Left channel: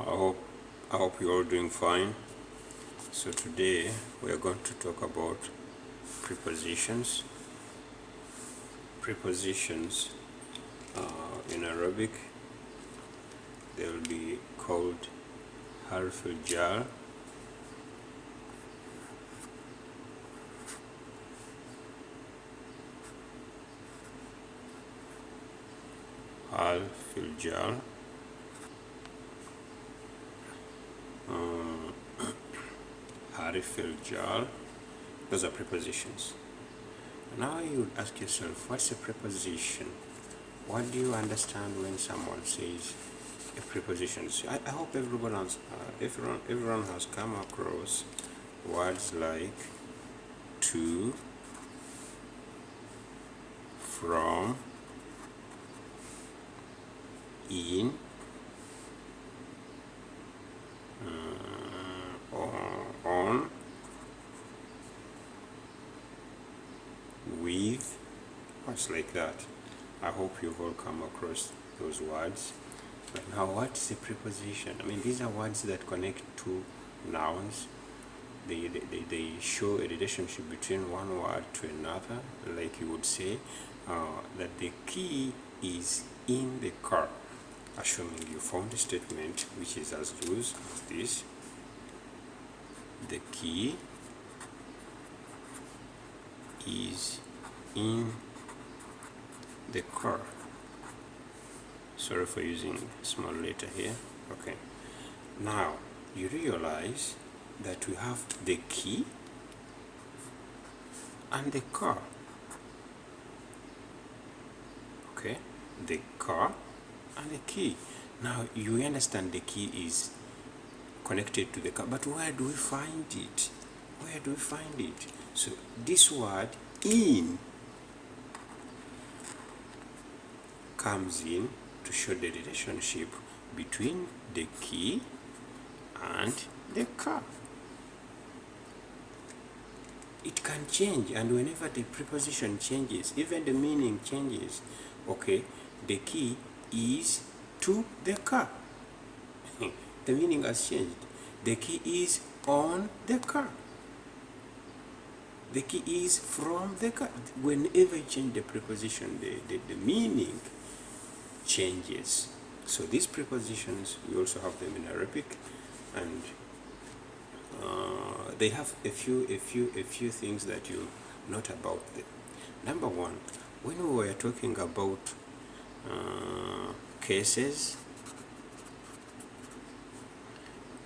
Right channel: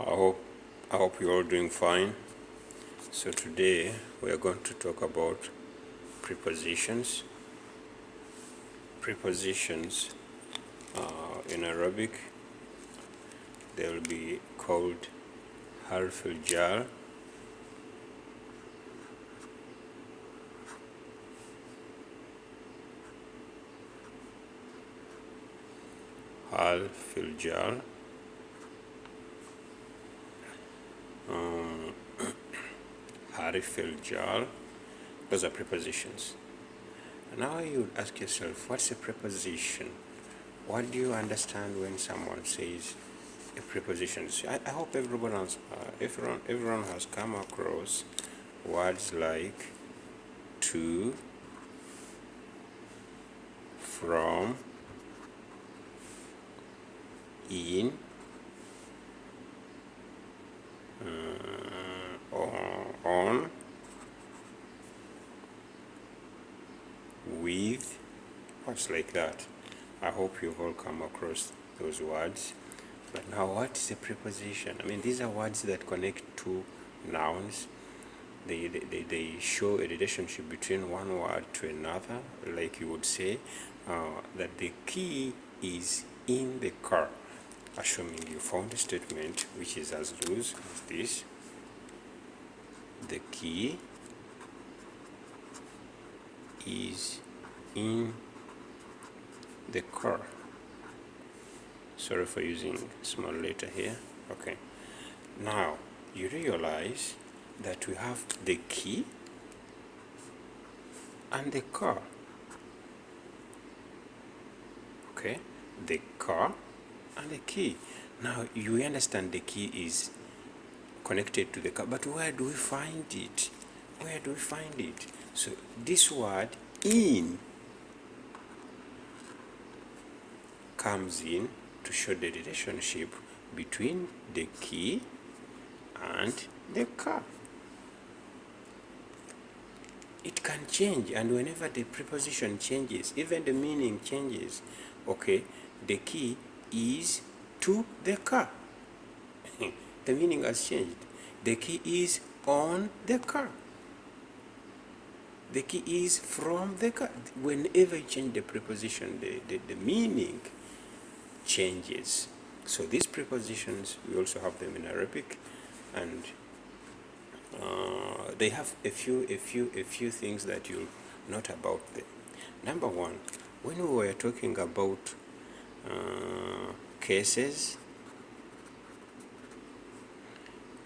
I hope you're all doing fine. So today we are going to talk about prepositions. Prepositions in Arabic they'll be called harf al-jar, harf al-jar, harf al-jar. Those are prepositions. Now you ask yourself, what's a preposition? What do you understand when someone says a preposition? I hope everyone has come across words like to, from, in, on, with, words like that. I hope you've all come across those words. But now, what is a preposition? I mean, these are words that connect two nouns. They show a relationship between one word to another, like you would say that the key is in the car, assuming you found a statement which is as loose as this: the key is in the car. Sorry for using small letter here. Okay. Now you realize that we have the key and the car. Okay, the car and the key. Now you understand the key is connected to the car, but where do we find it? Where do we find it? So this word in comes in to show the relationship between the key and the car. It can change, and whenever the preposition changes, even the meaning changes. Okay, the key is to the car. The meaning has changed. The key is on the car. The key is from the car. Whenever you change the preposition, the meaning changes. So these prepositions, we also have them in Arabic, and they have a few things that you note about them. Number one, when we were talking about cases,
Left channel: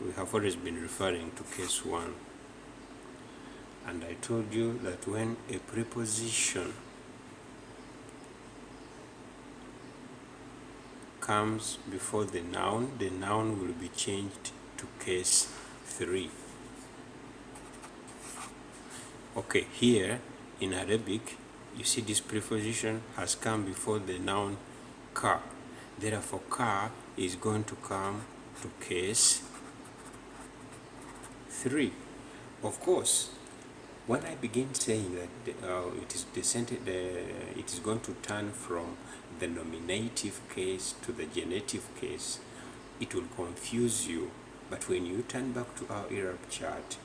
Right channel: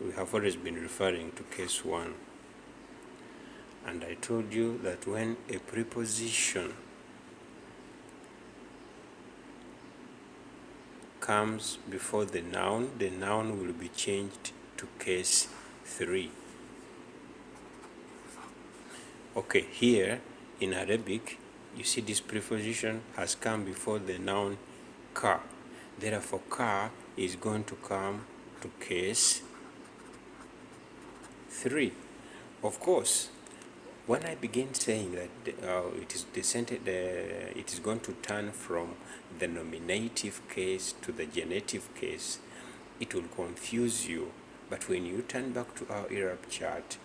we have always been referring to case one, and I told you that when a preposition comes before the noun will be changed to case 3. Okay, here in Arabic, you see this preposition has come before the noun car. Therefore, car is going to come to case 3. Of course, when I begin saying that it is going to turn from the nominative case to the genitive case, it will confuse you. But when you turn back to our Arab chart,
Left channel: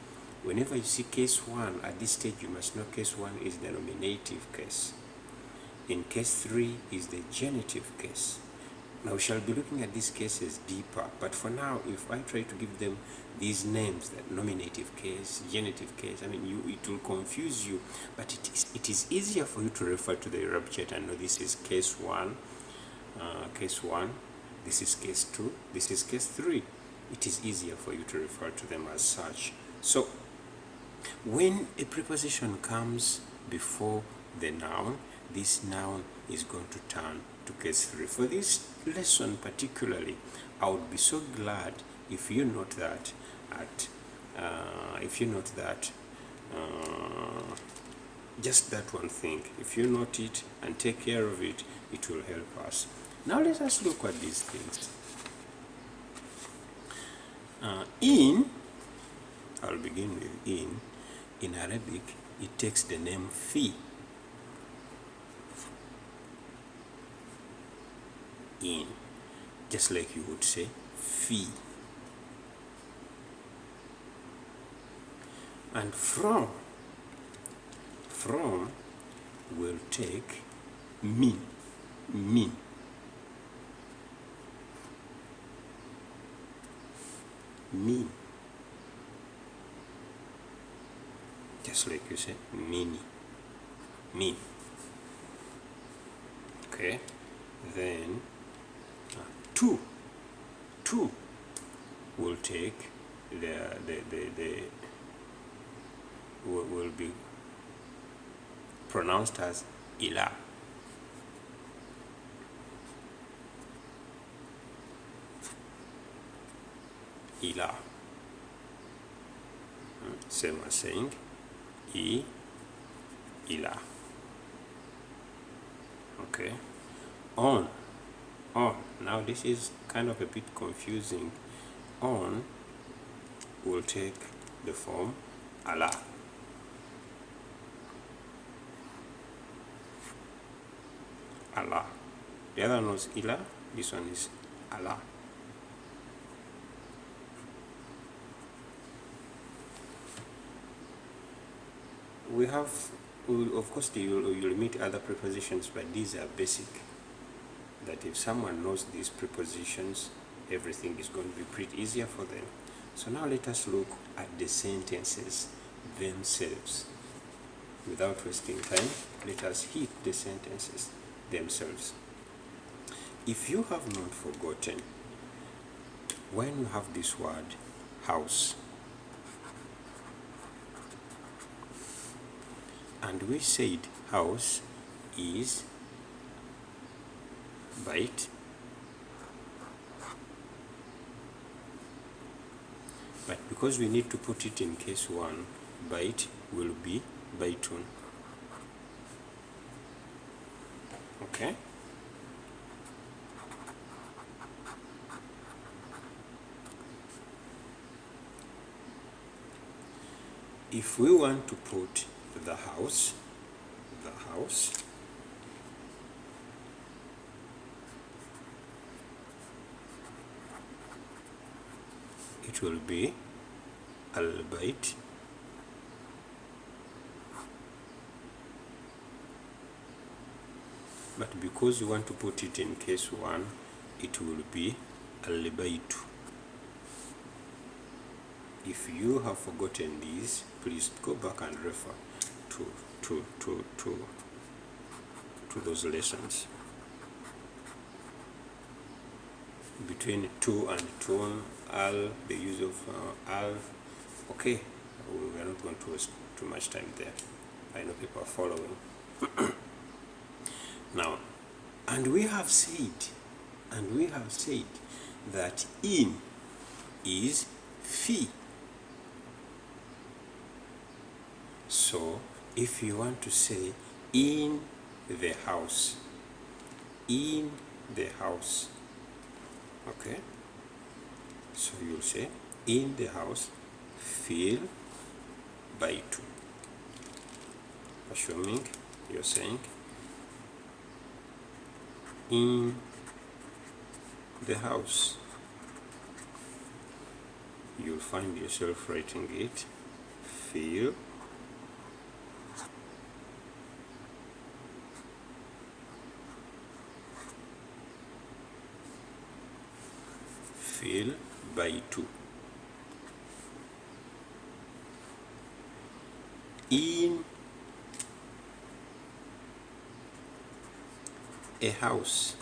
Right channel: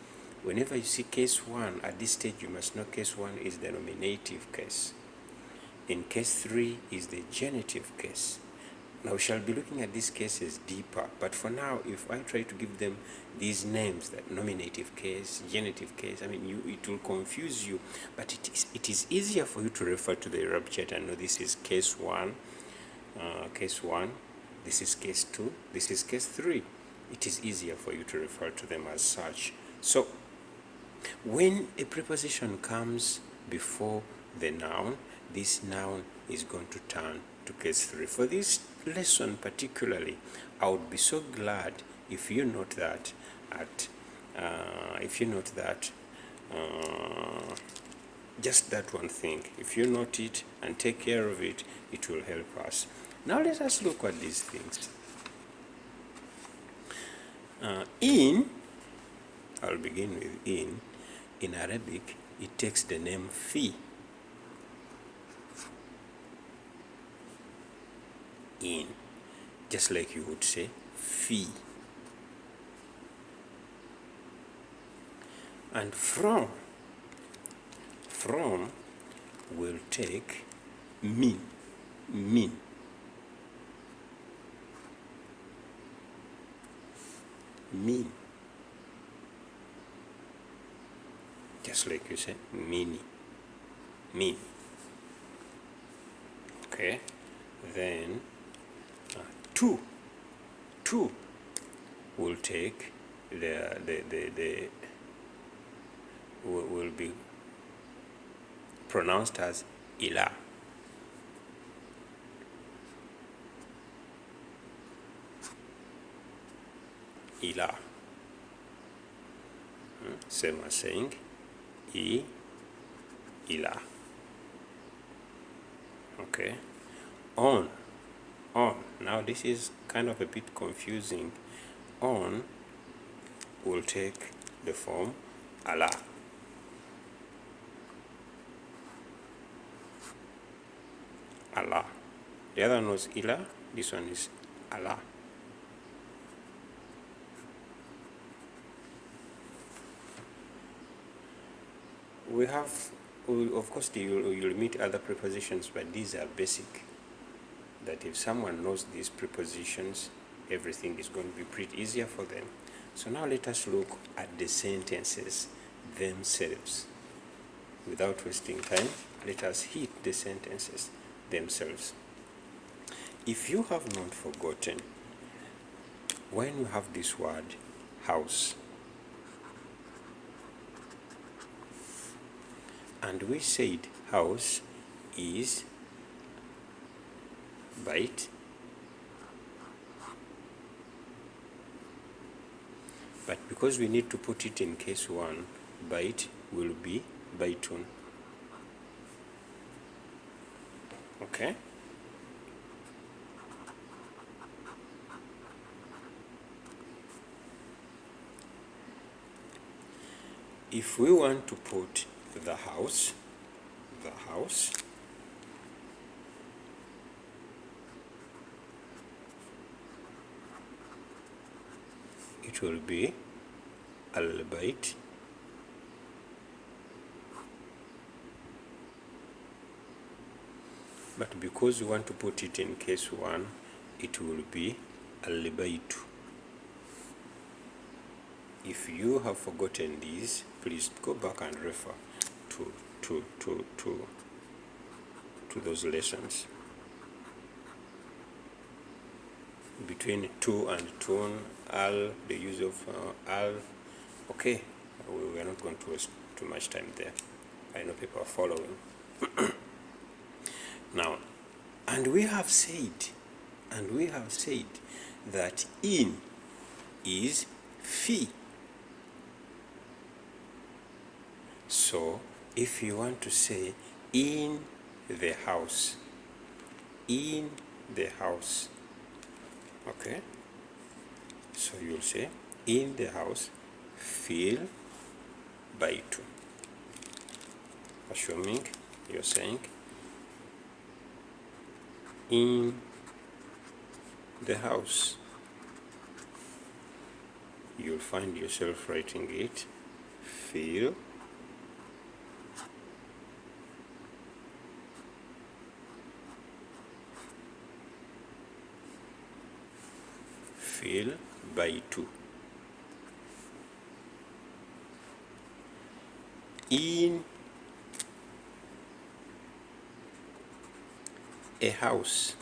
whenever you see case 1, at this stage you must know case 1 is the nominative case. In case 3 is the genitive case. Now we shall be looking at these cases deeper, but for now, if I try to give them these names, that nominative case, genitive case, I mean, it will confuse you, but it is easier for you to refer to the Arab chart and know this is case 1, this is case 2, this is case 3. It is easier for you to refer to them as such. So, when a preposition comes before the noun, this noun is going to turn to case 3. For this lesson particularly, I would be so glad if you note that just that one thing. If you note it and take care of it, it will help us. Now let us look at these things. In, I'll begin with in. In Arabic, it takes the name fi. In, just like you would say fi. And from will take me. Just like you say, me. Okay, then two will take the will be pronounced as ila. Same as saying ila. Okay, on. Now this is kind of a bit confusing. On will take the form ala. The other one was ila, this one is ala. Of course, you'll meet other prepositions, but these are basic. That if someone knows these prepositions, everything is going to be pretty easier for them. So now let us look at the sentences themselves. Without wasting time, let us hit the sentences themselves. If you have not forgotten, when you have this word house, and we said house is byte, but because we need to put it in case 1, byte will be bytun. Okay? If we want to put the house, it will be al-bayt, but because we want to put it in case 1, it will be al-baytu. If you have forgotten these, please go back and refer to those lessons. Between to and tun, al, the use of al. Okay, we're not going to waste too much time there. I know people are following. Now, and we have said that in is fi. So if you want to say in the house, okay, so you'll say in the house, fil baytu, assuming you're saying in the house. You'll find yourself writing it fil baytu. In a house,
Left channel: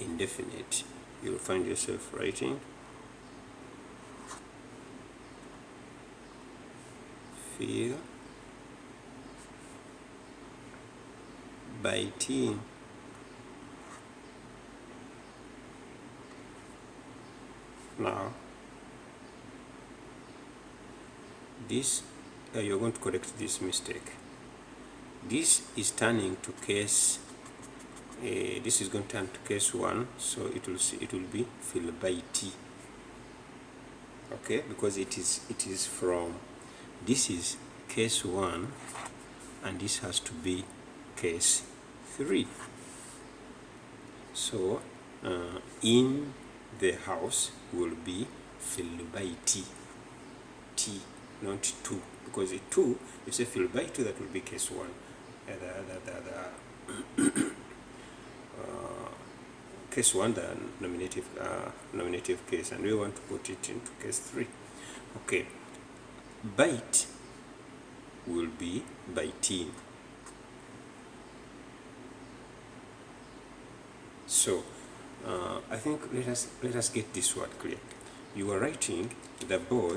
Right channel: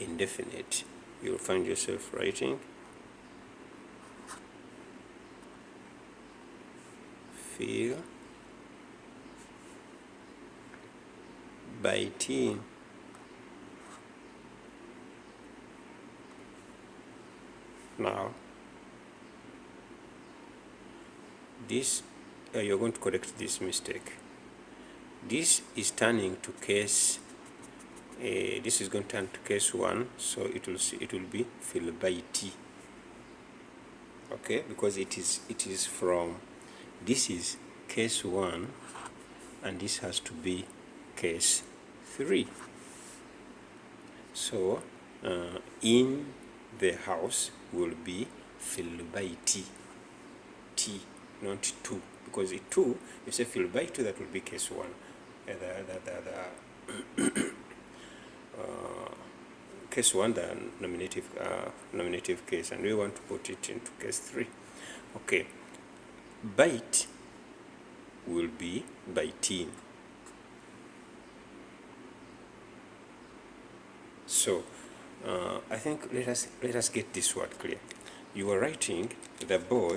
indefinite, you'll find yourself writing fil baytin. Now, this you're going to correct this mistake. This is turning to case. This is going to turn to case 1, so it will be fil bayti. Okay, because it is from. This is case 1, and this has to be case 3. So in the house will be filled by T. T, not two. Because a two, you say filled by two, that will be case one. Case one, the nominative case, and we want to put it into case three. Okay, bite will be biting. So I think let us get this word clear. You are writing the boy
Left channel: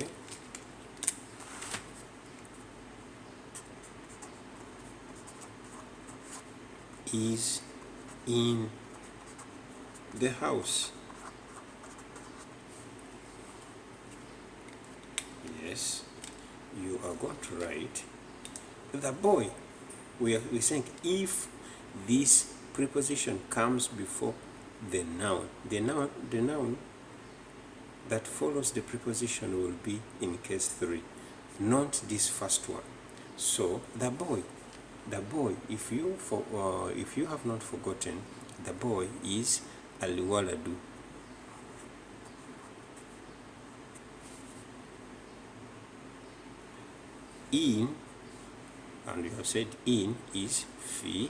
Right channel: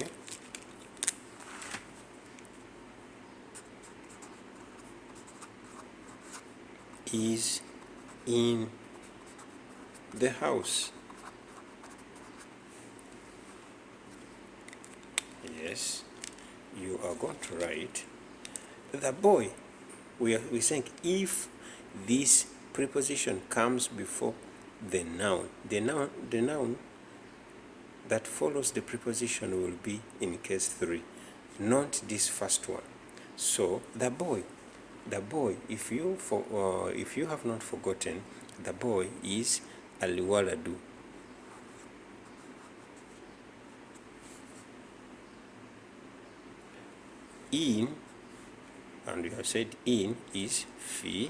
is in the house. Yes, you are going to write the boy. We're saying if this preposition comes before the noun, the noun that follows the preposition will be in case three, not this first one. So the boy, if you have not forgotten, the boy is al-waladu. In, and we have said in is fi.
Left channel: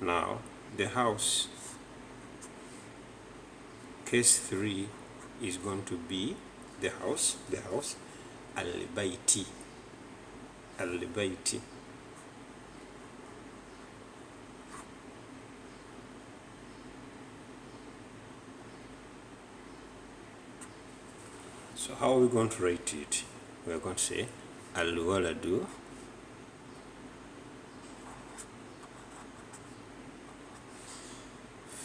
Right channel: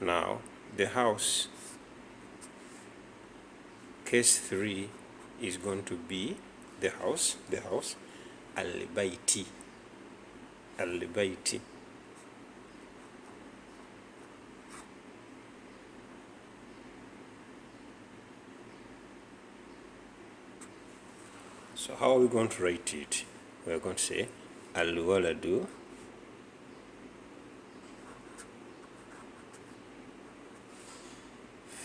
Now the house, case three is going to be the house, al-bayti. So how are we going to write it? We are going to say al-waladu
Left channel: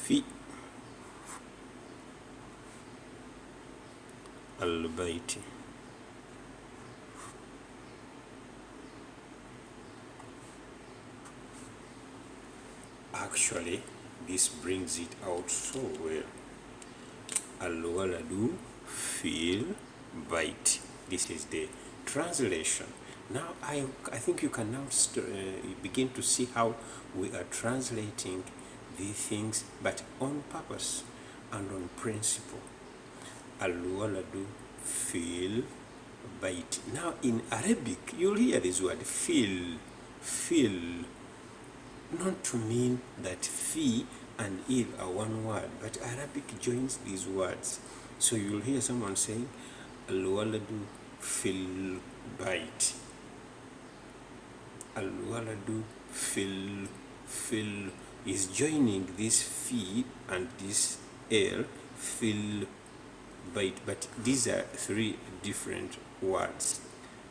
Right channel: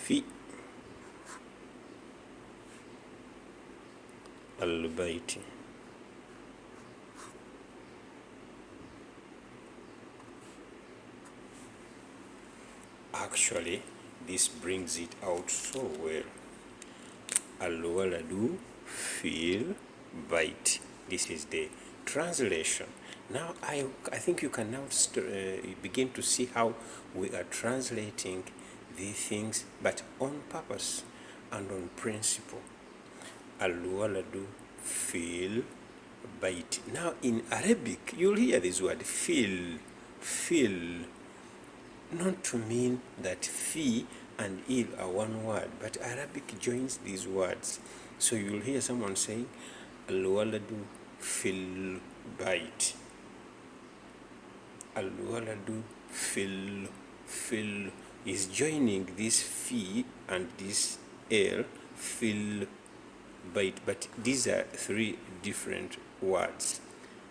fi al-bayti. Actually, this brings it out so well. Al-waladu fil bait. This is the translation. Now I think you can now begin to see how we are translating these things, but on purpose and on principle. Al-waladu fil bait. Now in Arabic, you'll hear this word fil, not to mean that fi and il are one word, but Arabic joins these words. So you'll hear someone saying al-waladu fil bait. Al-waladu fil is joining this fi and this l, fil bait, but these are three different words.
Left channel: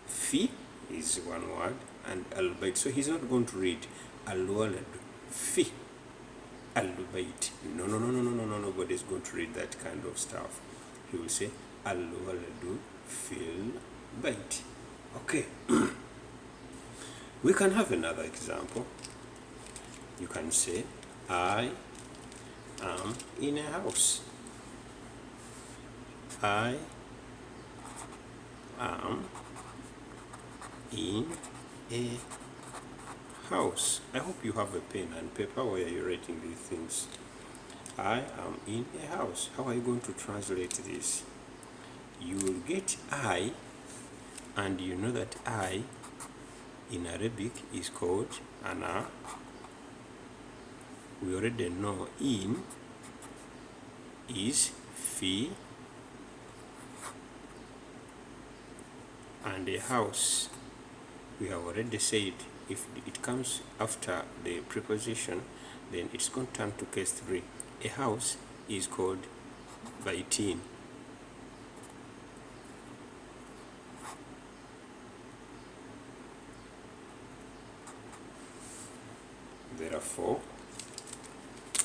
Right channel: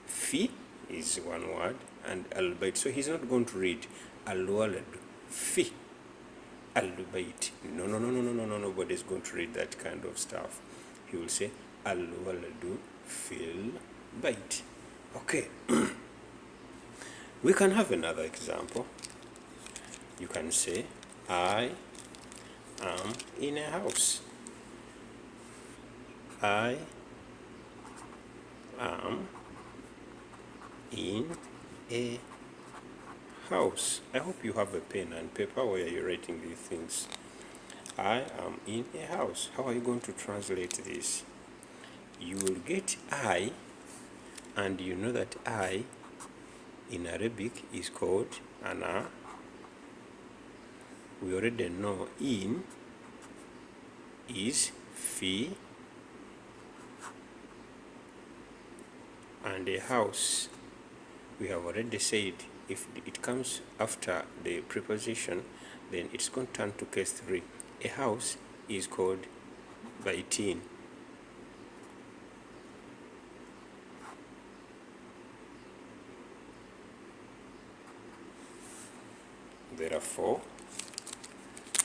Fi is one word and al-bait. So he's not going to read al-waladu fi al-bait. No, nobody's going to read that kind of stuff. He will say al-waladu fil bait. Okay. We can have another example. You can say I am in a house. I am in a house. I hope you have a pen and paper where you're writing these things. I am in a house. How are you going to translate this? You will get I, and you know that I in Arabic is called ana. We already know in is fi, and a house, we have already said if it comes after the preposition, then it's going to turn to case three. A house is called baitin.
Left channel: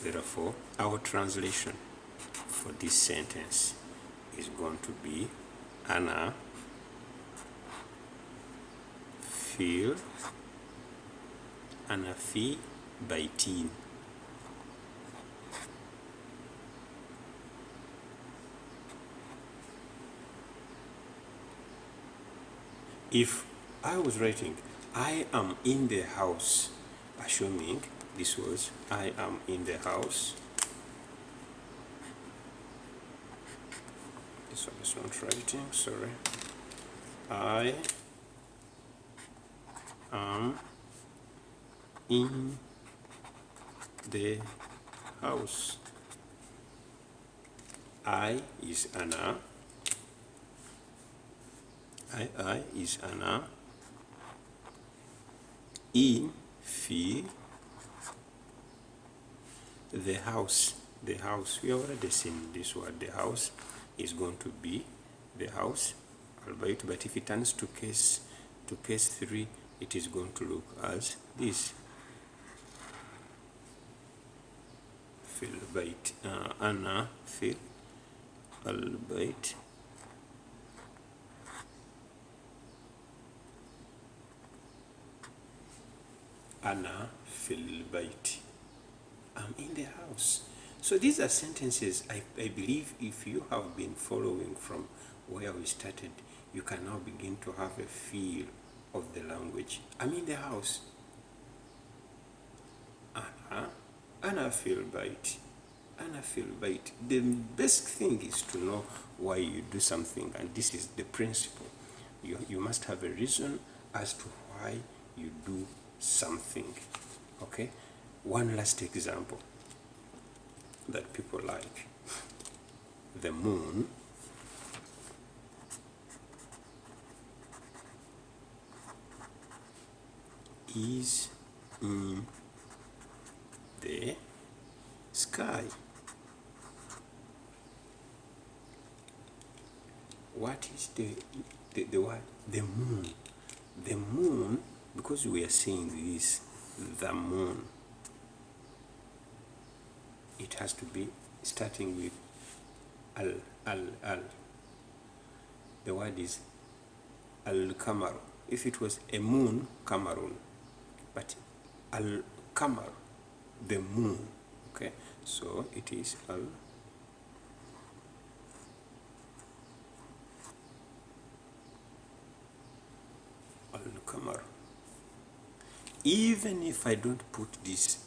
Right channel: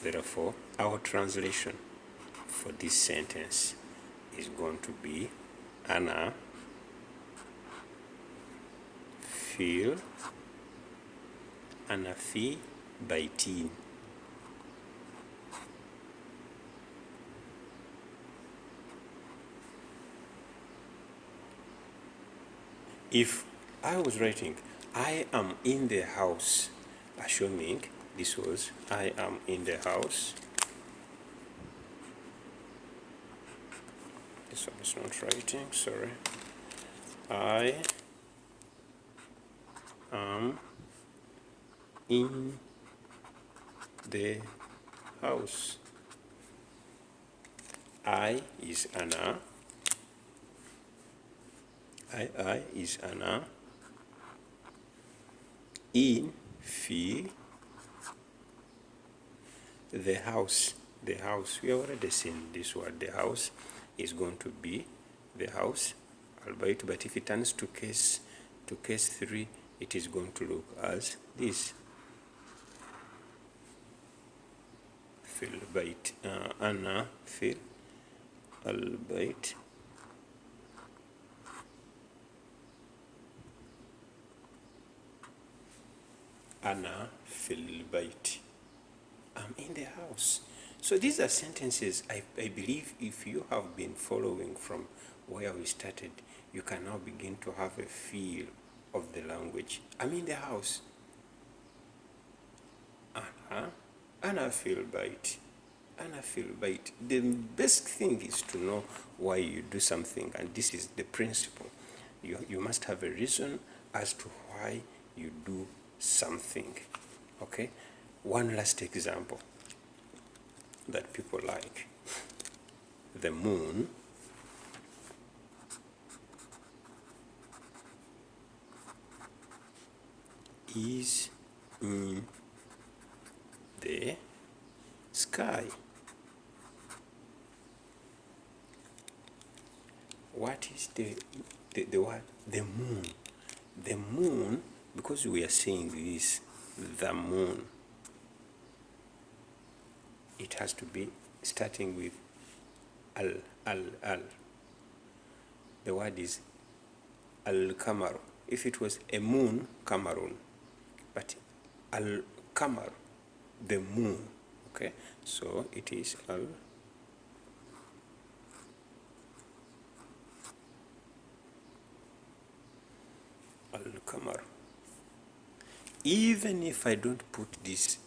Therefore, our translation for this sentence is going to be ana fi baitin. If I was writing I am in the house, assuming This was I am in the house. This one is not writing, sorry. I am in the house. I is Anna. I is Anna. In fi the house. The house. We already seen this word. The house is going to be the house, albeit, but if it turns to case 3, it is going to look as this. Fil bait Anna fil albeit Anna fil bait. I'm in the house. So these are sentences I believe if you have been following from where we started, you can now begin to have a feel of the language. I'm in the house. Anna fil bait. Anna fil bait. The best thing is to know why you do something, and this is the principle. You must have a reason as to why you do something. Okay? One last example that people like. The moon is in the sky. What is the word? The moon. The moon, because we are saying this, the moon, it has to be starting with al. The word is al-kamar. If it was a moon, kamarun, but al-kamar, the moon. Okay, so it is al-kamar. Even if I don't put this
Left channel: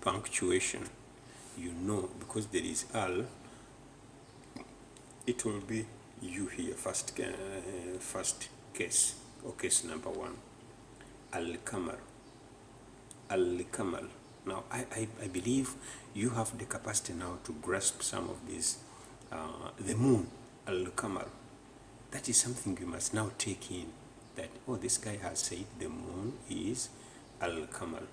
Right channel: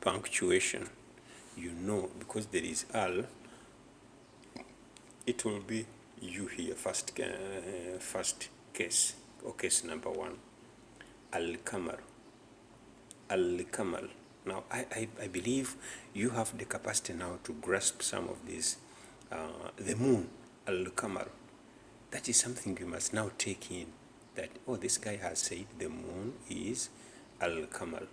punctuation, you know, because there is al, it will be you here, first case, or case number 1. Al-kamar. Al-kamal. Now, I believe you have the capacity now to grasp some of these. The moon, al-kamal. That is something you must now take in. That, oh, this guy has said the moon is al-kamal.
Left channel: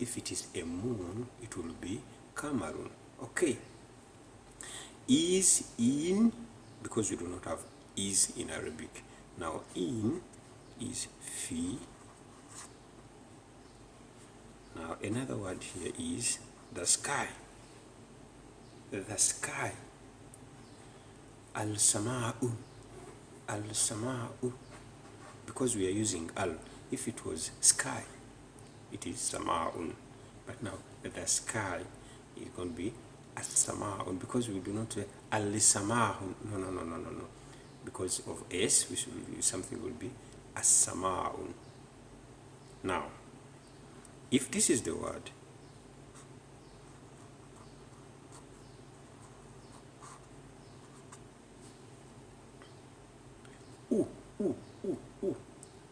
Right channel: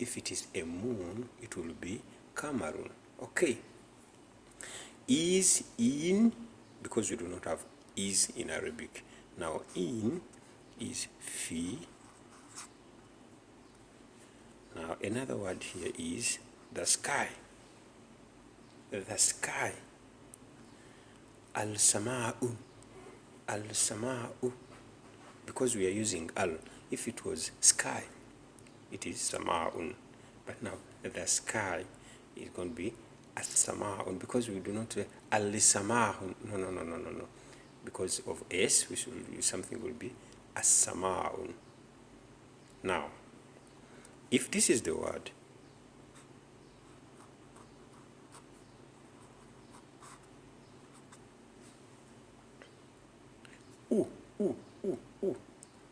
If it is a moon, it will be kamarun. Okay. Is in, because we do not have is in Arabic. Now, in is fi. Now, another word here is the sky. The sky. Al-sama'u. Al-sama'u. Because we are using al. If it was sky, it is sama'un. But now, the sky is going to be as-sama'un. Because we do not say al-sama'un. No. Because of s, something will be as-sama'un. Now, if this is the word,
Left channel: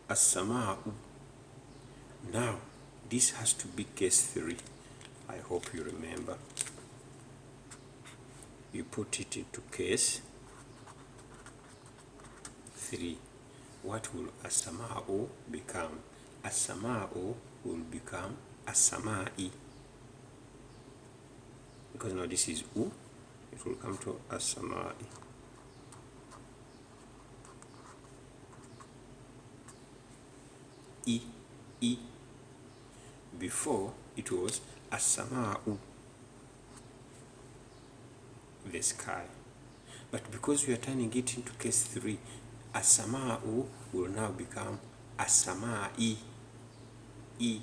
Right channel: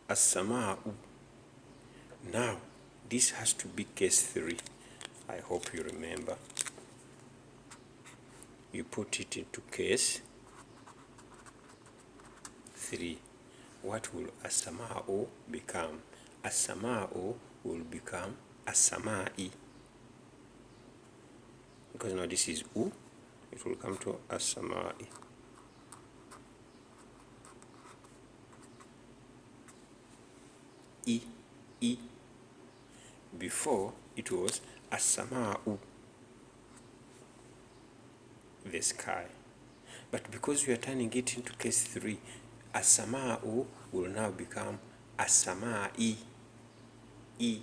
as-sama'u. Now, this has to be case 3. I hope you remember. You put it into case 3. What will as-sama'u become? As-sama'u will become as-sama'i. Because now this is u, it will come to as-sama'i. I. Before it was as-sama'u, the sky. But because we are turning it into case 3, as-sama'u will now become as-sama'i. I.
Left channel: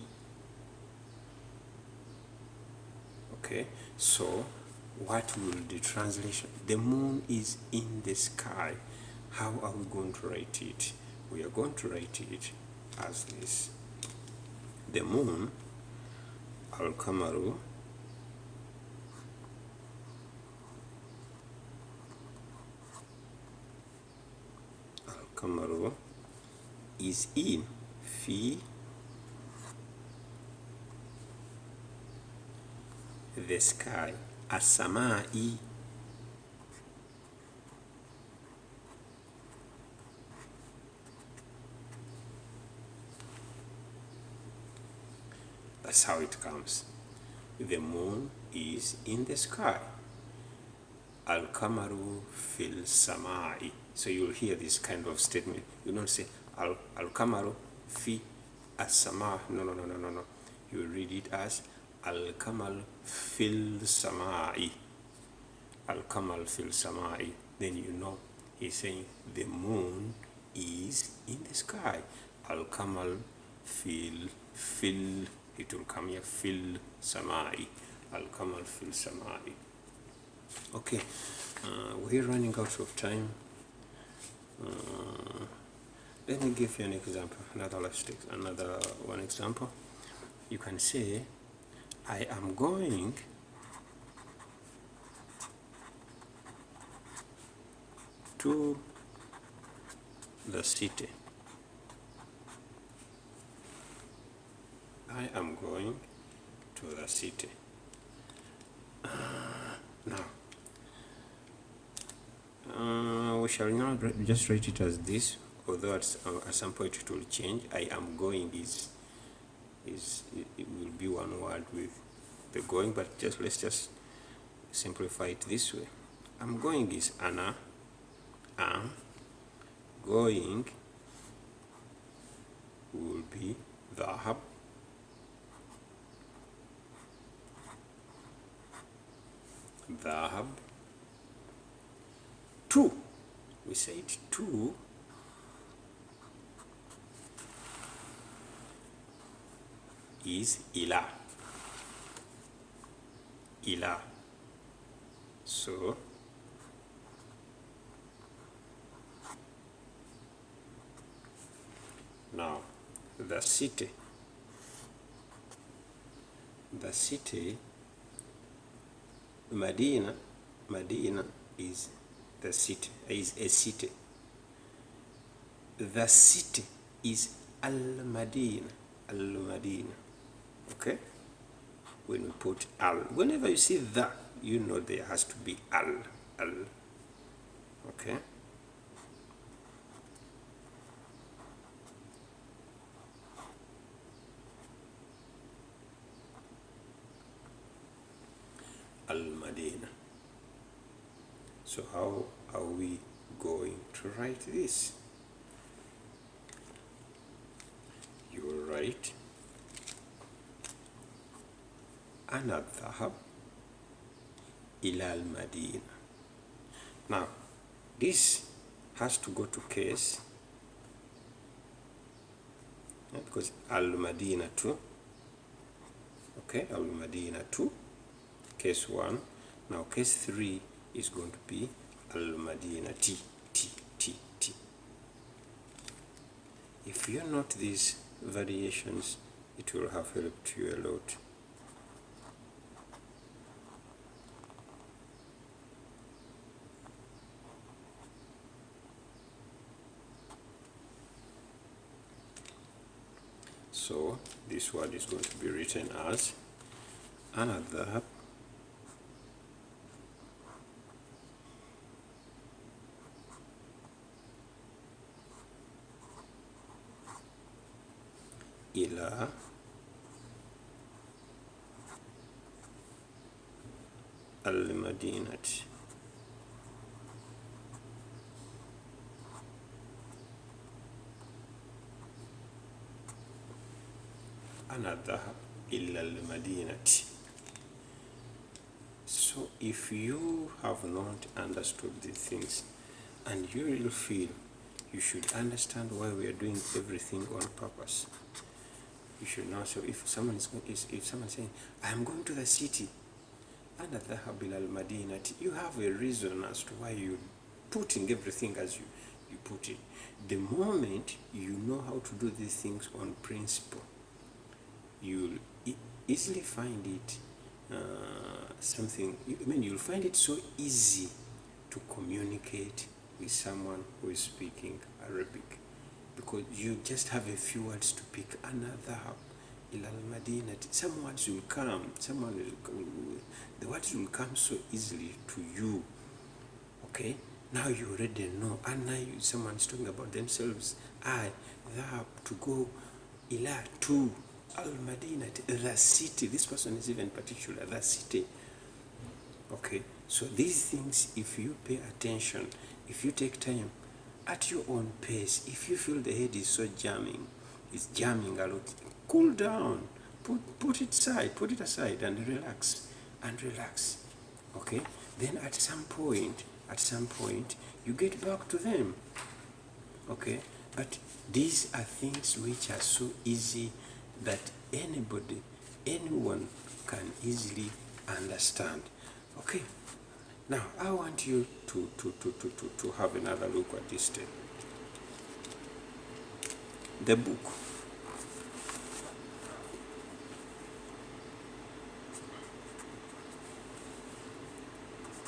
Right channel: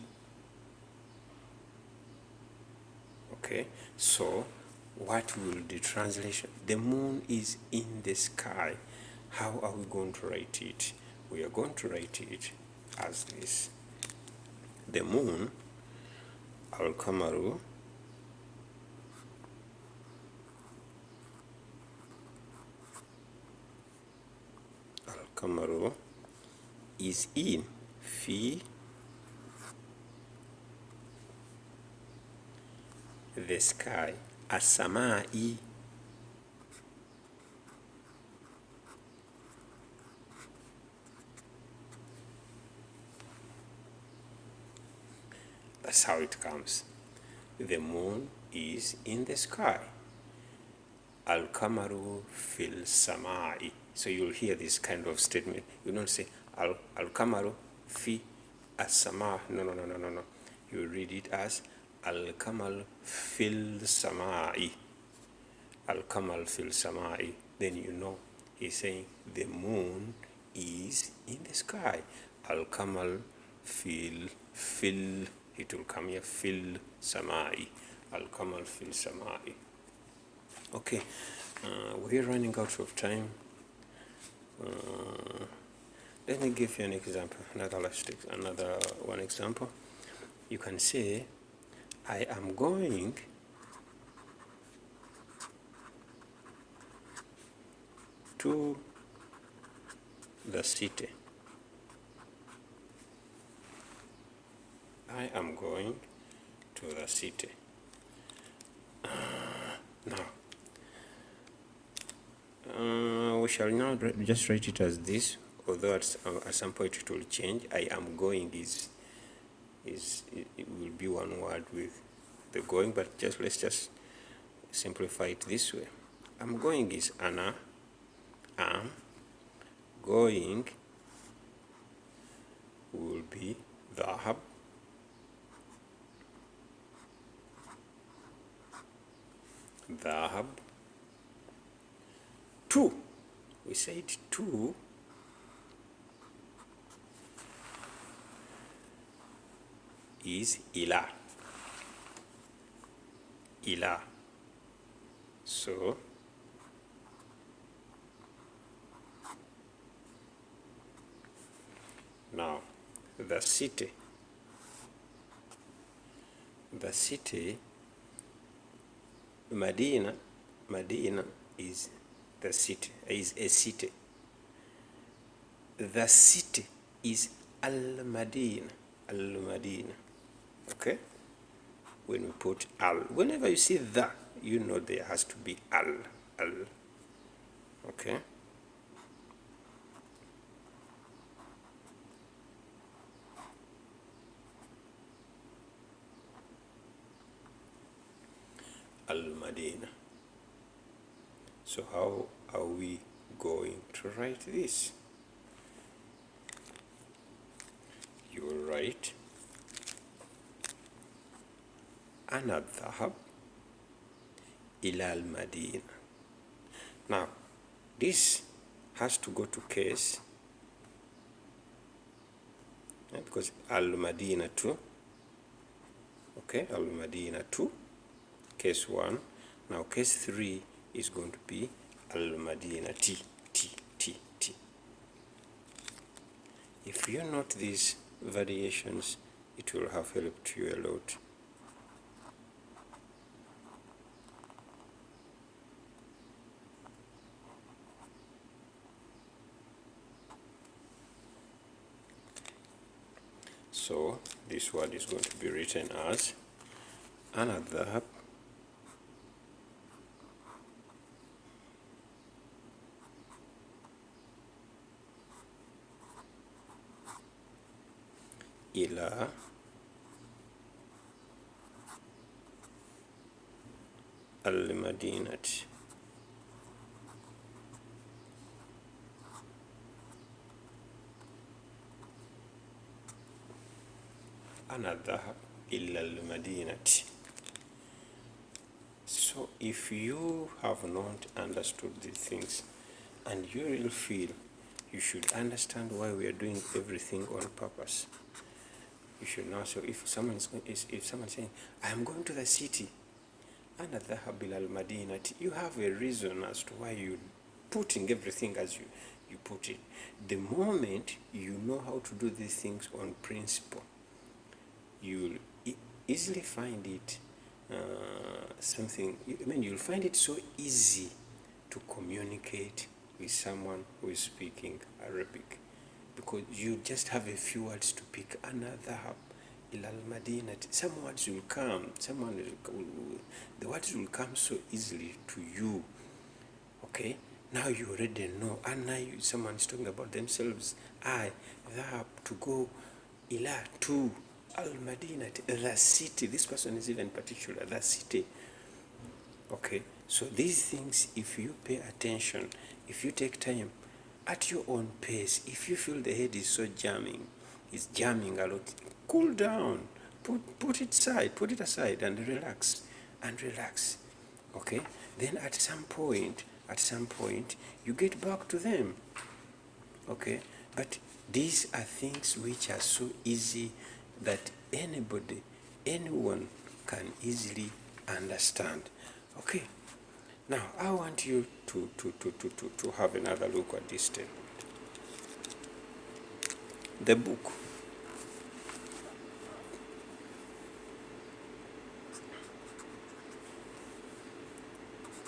Okay, so what will the translation? The moon is in the sky. How are we going to write it? We are going to write it as this. The moon Al-Kamaru is in fi the sky. As-samai. That's how it comes. The moon is in the sky. Al-Kamaru fil samai. So you'll hear this kind of statement. You don't say Al-Kamaru fi as-sama. No. You read it as Al-Kamal fil samai. Al-Kamal fil samai. Then you know he's saying the moon is in the sky. Al-Kamal fil, it will come here, fil samai. Al-Kamal fil samai. Okay, we're running out of time. Let me give you an example. Another one example. You can say, I am going to the city. I am going to the city. Now, we shall now just write it as this, although at some point it will change. I am going it will be one word with the going, but let's just simplify it this way. I'm going is ana, am, going will be dhahab, to, we said to is ila. So now the city Medina is the city, is a city. The city is Al-Madina. Okay? When we put al, whenever you see the, you know there has to be al. Okay? Al-Madina. So how are we going to write this? You will write أنا أذهب إلى المدينة. Now, this has to go to case, because Al-Madina 2, okay, Al-Madina 2, case 1. Now, case 3 is going to be Al-Madina T. If you note these variations, it will have helped you a lot. So this word is going to be written as أنا أذهب إلى المدينة. أنا أذهب إلى المدينة. So if you have not understood these things, and you will feel you should understand why we are doing everything on purpose, you should now say, if someone saying, I am going to the city, أنا أذهب إلى المدينة, you have a reason as to why you're putting everything as you put it. The moment you know how to do these things on principle, easily find it you'll find it so easy to communicate with someone who is speaking Arabic, because you just have a few words to pick. Another ila al-Madinah. Some words will come. The words will come so easily to you. Okay, now you already know. And now someone is talking about themselves. I, that, to go, ila, to, al-Madinah, the city. This person is even particular, the city. Okay, so these things, if you pay attention, if you take time at your own pace, if you feel the head is so jamming, it's jamming a lot, cool down, put it aside and relax. Okay, then at some point you get back to them. Okay, but these are things which are so easy that anyone can easily understand. Okay, now I want you to have another look at this step. The book.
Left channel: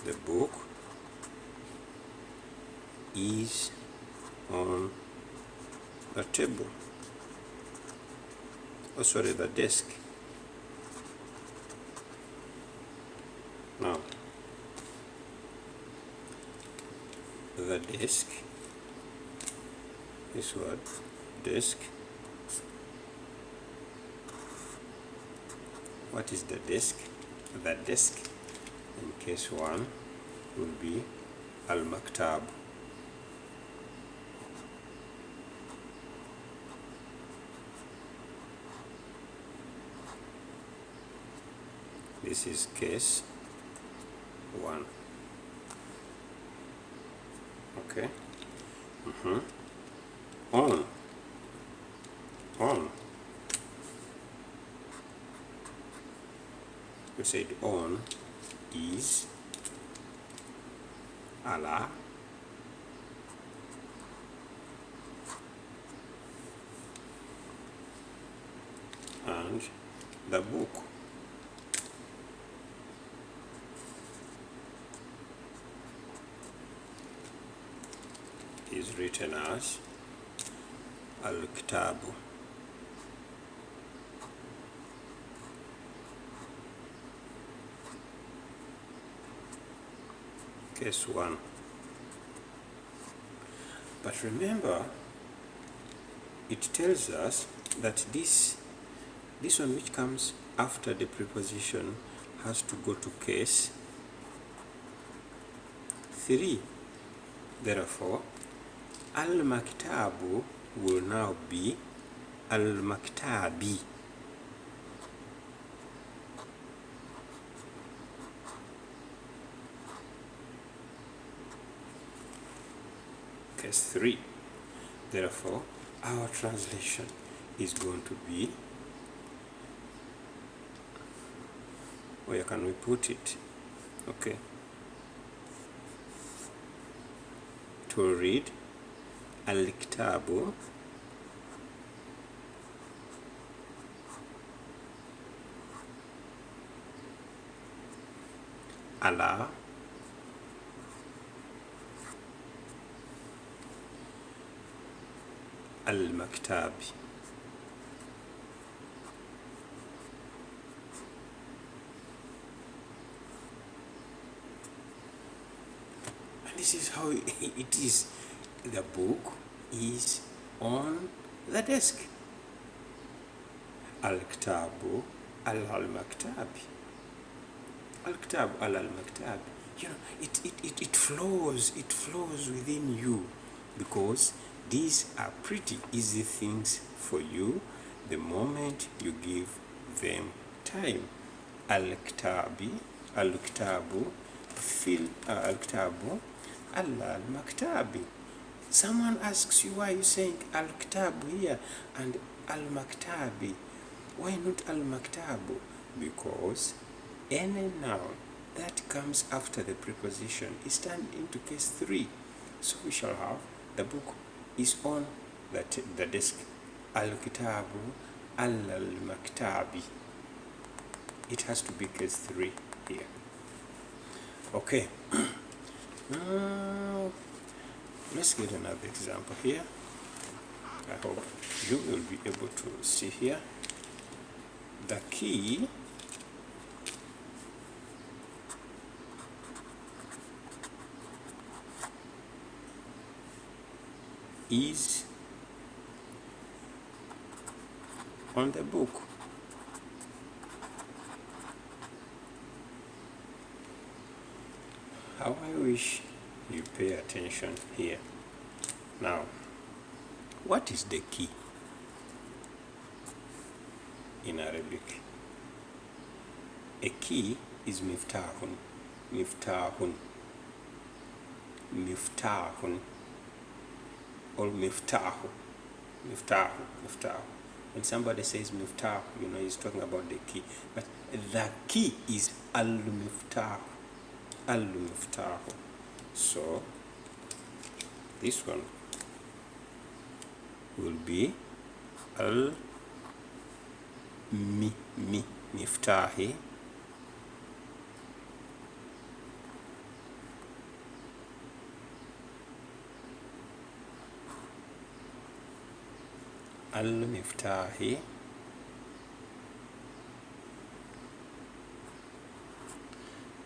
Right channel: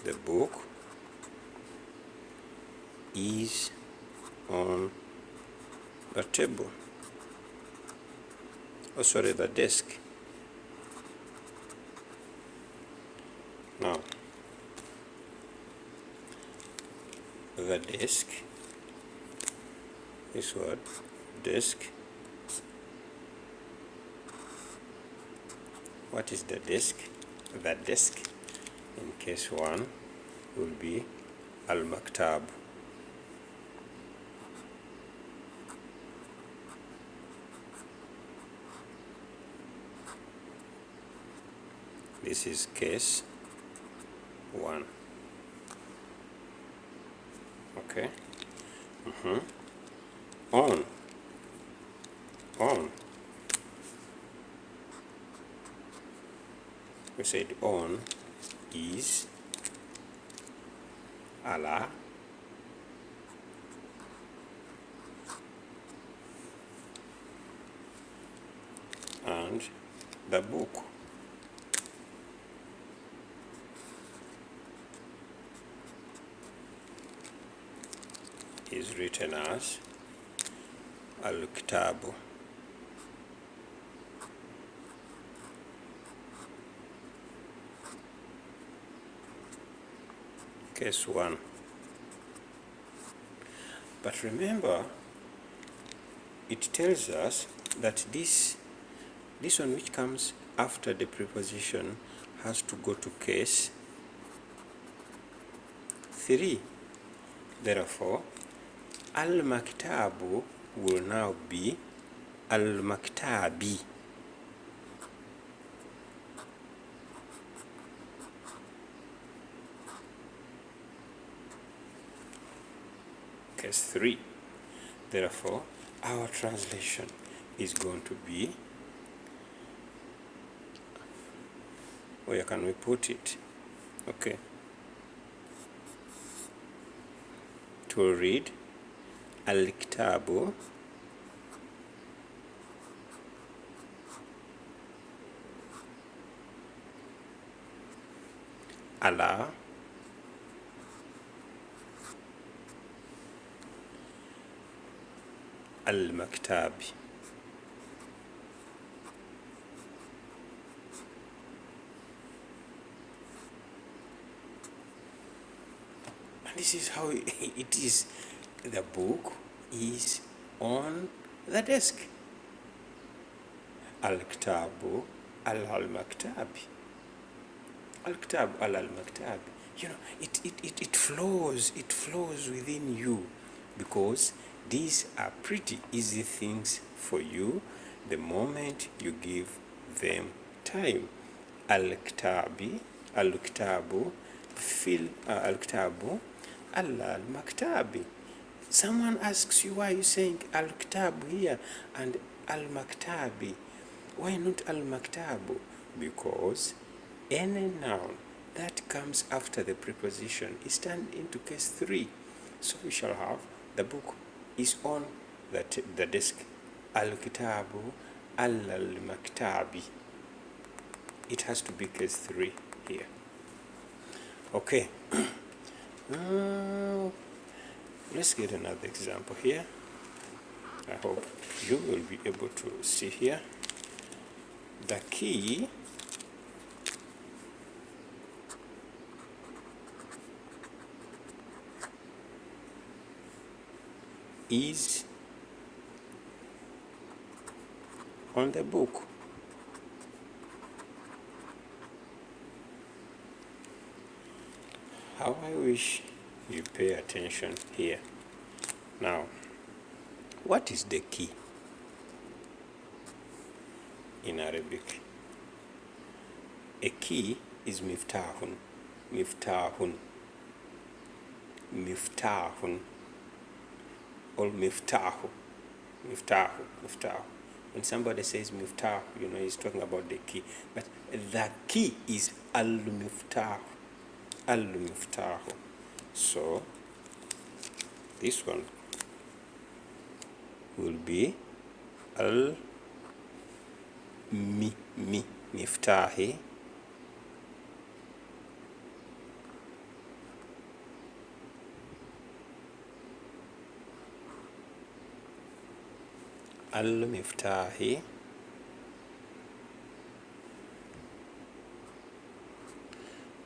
The book is on the table. Oh, sorry, the desk. Now, the desk, this word, desk. What is the desk? The desk, in case one, will be al-maktab. This is case one. Okay. On. We said on is Allah, and the book. Is written as al-kitab. Case one. But remember, it tells us that this one which comes after the preposition has to go to case 3. Therefore, al-maktabu will now be al-maktabi. Case 3. Therefore, our translation is going to be, where can we put it? Okay. To read al-kitabu ala al-maktabi. And this is how it is. The book is on the desk. Al-kitabu al-maktabi. Al-kitab al-maktabi. You know, it flows within you, because these are pretty easy things for you the moment you give them time. Al-kitabi, al-kitabu, al-kitabu al-maktabi. Someone asks you, why are you saying al-kitabu here and al-maktabi? Why not al-maktabu? Because any noun that comes after the preposition is turned into case 3. So we shall have the book is on the desk. Al-kitabu al-maktabi. it has to be case 3 here. Okay. Let's get another example here. I hope you will be able to see here. The key is on the book. How I wish you pay attention here. Now, what is the key in Arabic? A key is miftahun, miftahun, miftahun, or miftahu, miftahu, miftahu. When somebody says miftah, you know he's talking about the key. But the key is al-miftah, al-miftah. So this one will be al-miftahi, al-miftahi.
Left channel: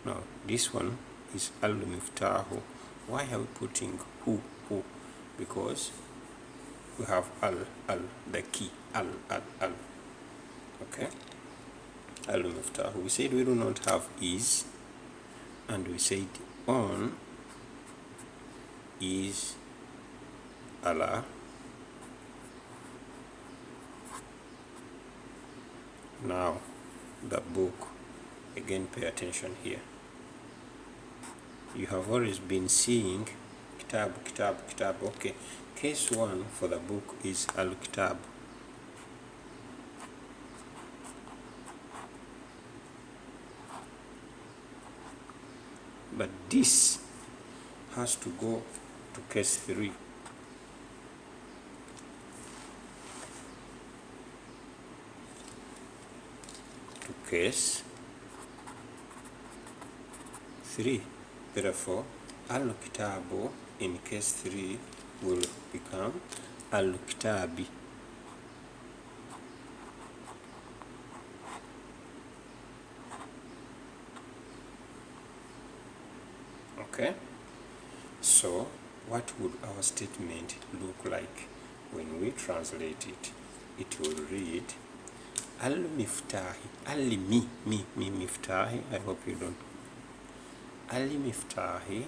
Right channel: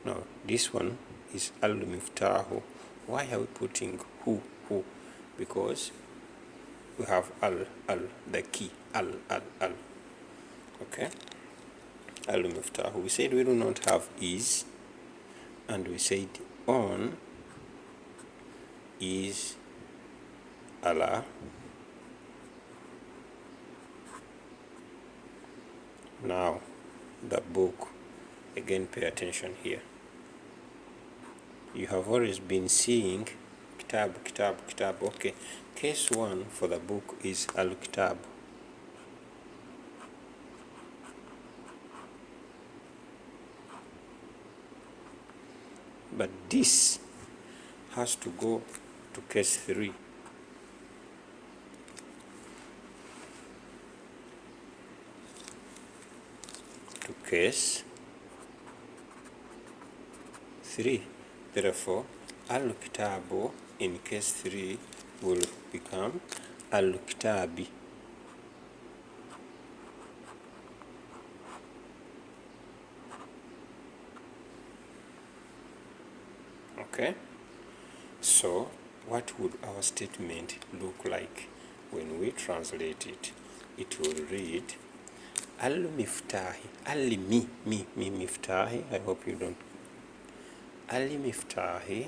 No, this one is al-miftahu. Why are we putting who? Because we have al, the key, al. Okay? Al-miftahu. We said we do not have is, and we said on is Allah. Now, the book, again pay attention here. You have always been seeing kitab. Okay, case 1 for the book is al-kitab. But this has to go to case 3. To case 3. Therefore, al-kitabu in case 3 will become al-kitabi. Okay? So, what would our statement look like when we translate it? It will read al-miftahi, al-miftahi. I hope you don't. Al-miftahi